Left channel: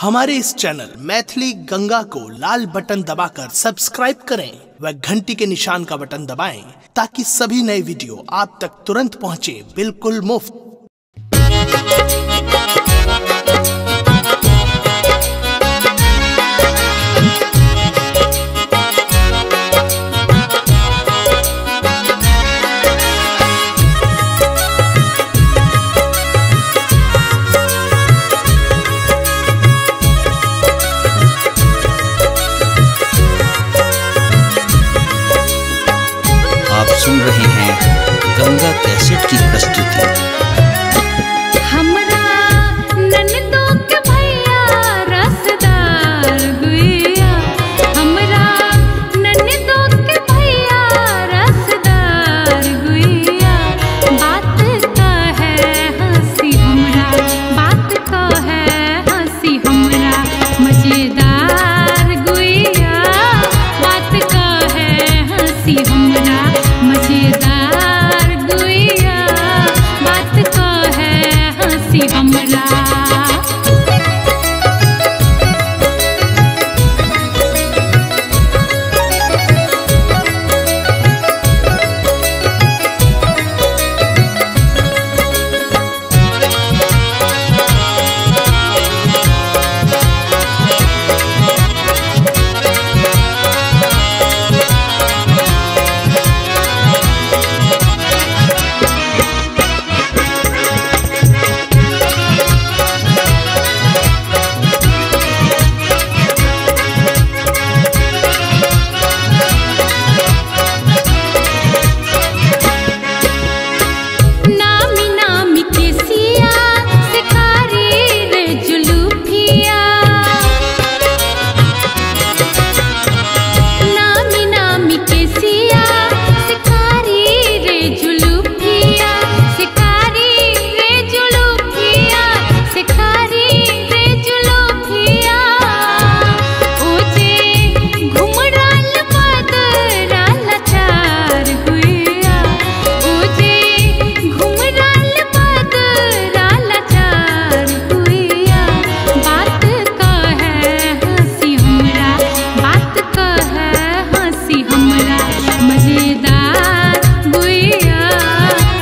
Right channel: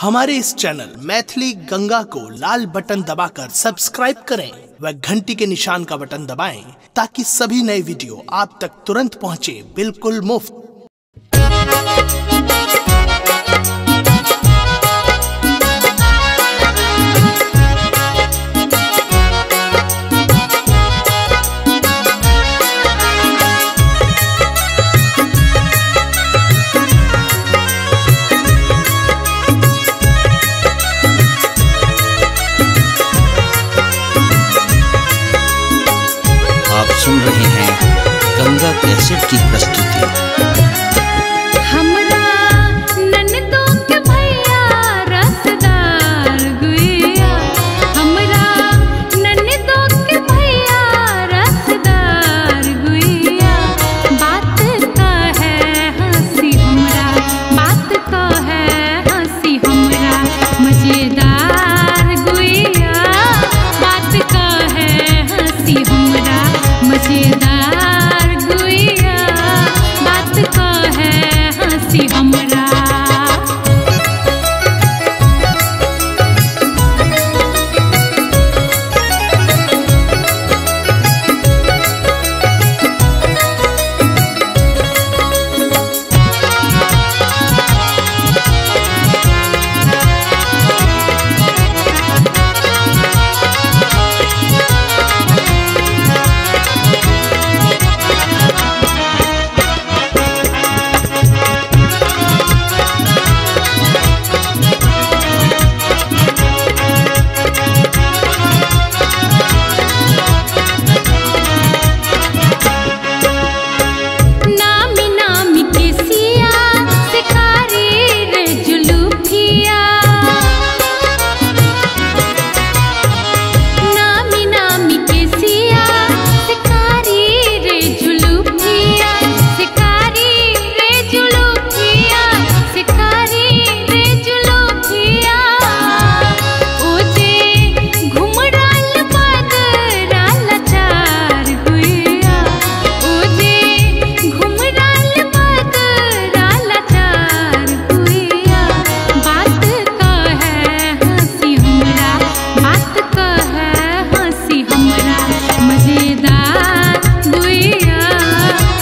हमारे इस चैनल मैथिली गंगा को लाल बटन दबाकर सब्सक्राइब करें व घंटी के निशान का बटन दबाएं ताकि सभी नए वीडियो आप तक तुरंत पहुंचे बिल्कुल मुफ्त। आप सुन रहे हैं गंगा कैसेट की प्रस्तुति। हमरा ननदो के भैया रसदार गुइया, हमरा ननदो के भैया रसदार गुइया। बात का है हंसी हमरा, बात का है हंसी हमरा मजेदार गुइया। बात का है हंसी हमरा मजेदार गुइया। बात का है हंसी हमरा। नामी नामी के सिया सिकारी रे जुलूफिया, नामी नामी के सिया सिकारी रे जुलूफिया। सिकारी रे जुलूफिया, सिकारी रे जुलूफिया। ओ जे घुमराल बदराल चार गुइया, ओ जे घुमराल बदराल चार गुइया। बात का है हंसी हमरा, बात का है हंसी हमरा मजेदार गुइया।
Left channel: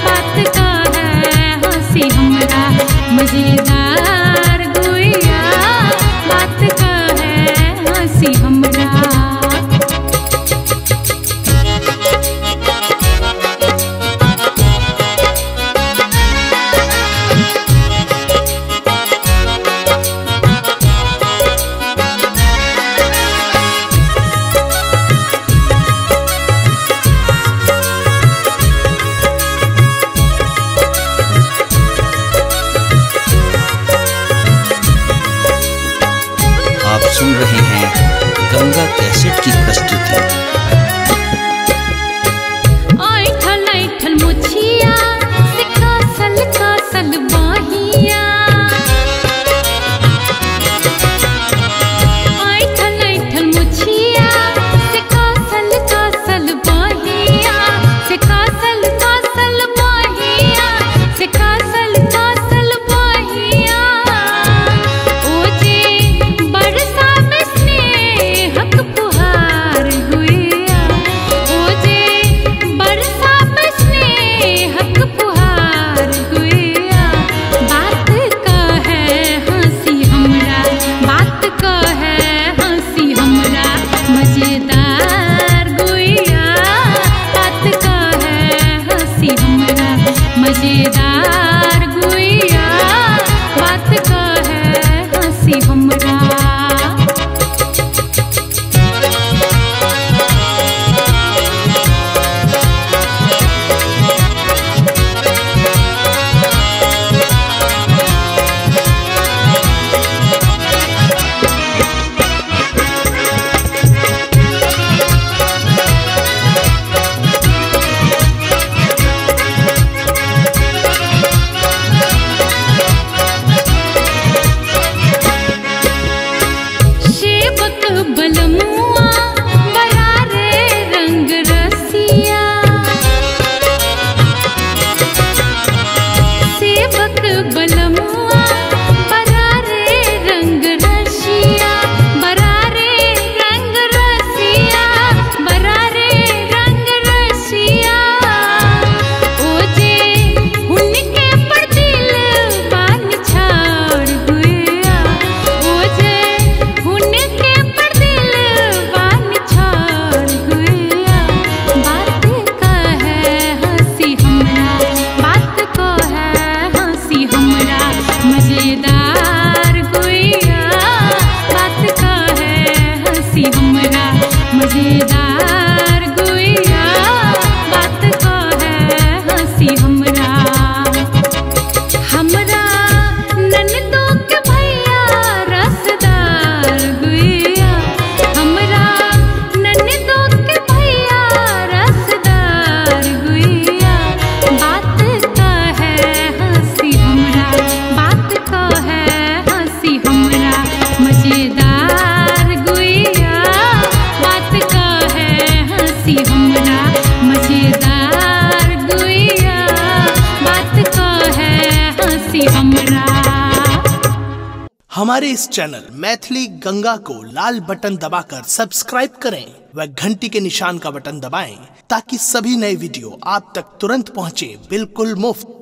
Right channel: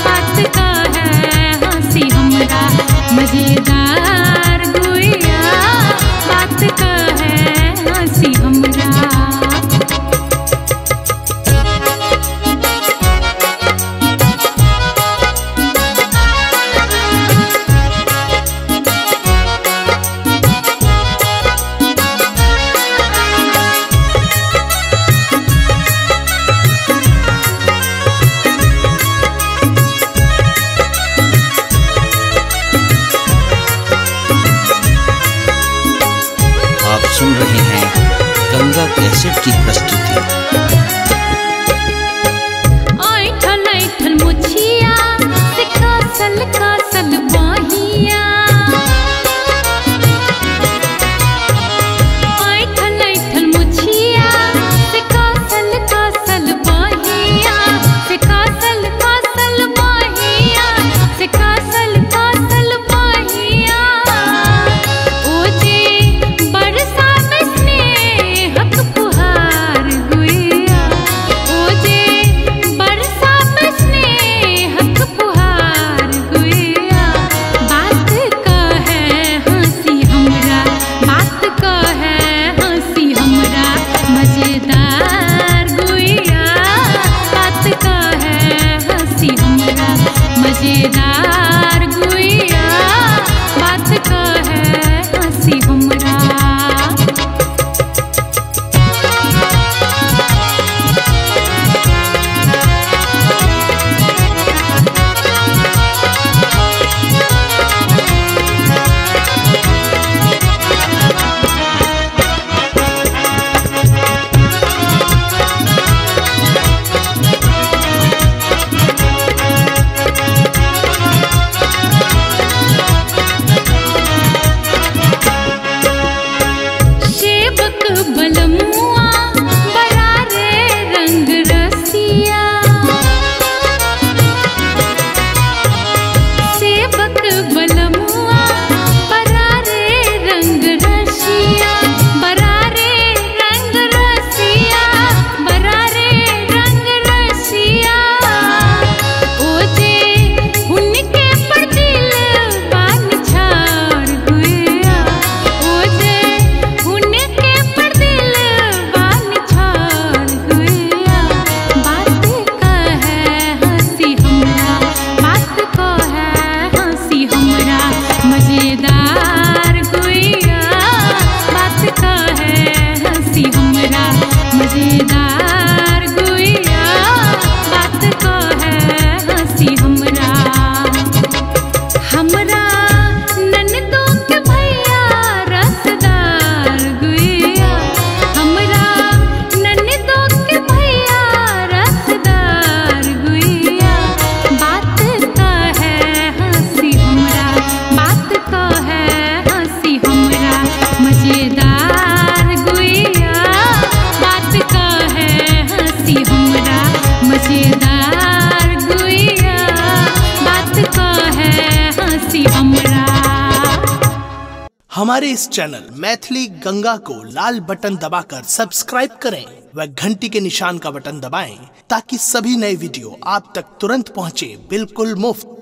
बात का है हंसी हमरा मजेदार गुइया। बात का है हंसी हमरा। आप सुन रहे हैं गंगा कैसेट की प्रस्तुति। ऐठल ऐठल मुछिया से कासल कासल बाहिया, ऐठल ऐठल मुछिया से कासल कासल बाहिया। से कासल कासल बाहिया, से कासल कासल बाहिया। ओ जे बरसा में स्नेहक फुहार गुइया, ओ जे बरसा में स्नेहक फुहार गुइया। बात का है हंसी हमरा, बात का है हंसी हमरा मजेदार गुइया। बात का है हंसी हमरा मजेदार गुइया। बात का है हंसी हमरा। सेवक बलमुआ बरारे रंग रसिया, सेवक बलमुआ बरारे रंग रसिया। मजेदार गुइया बात का है हंसी हमरा, मजेदार गुइया बात का है हंसी हमरा। हमारे इस चैनल मैथिली गंगा को लाल बटन दबाकर सब्सक्राइब करें व घंटी के निशान का बटन दबाएं ताकि सभी नए वीडियो आप तक तुरंत पहुंचे बिल्कुल मुफ्त।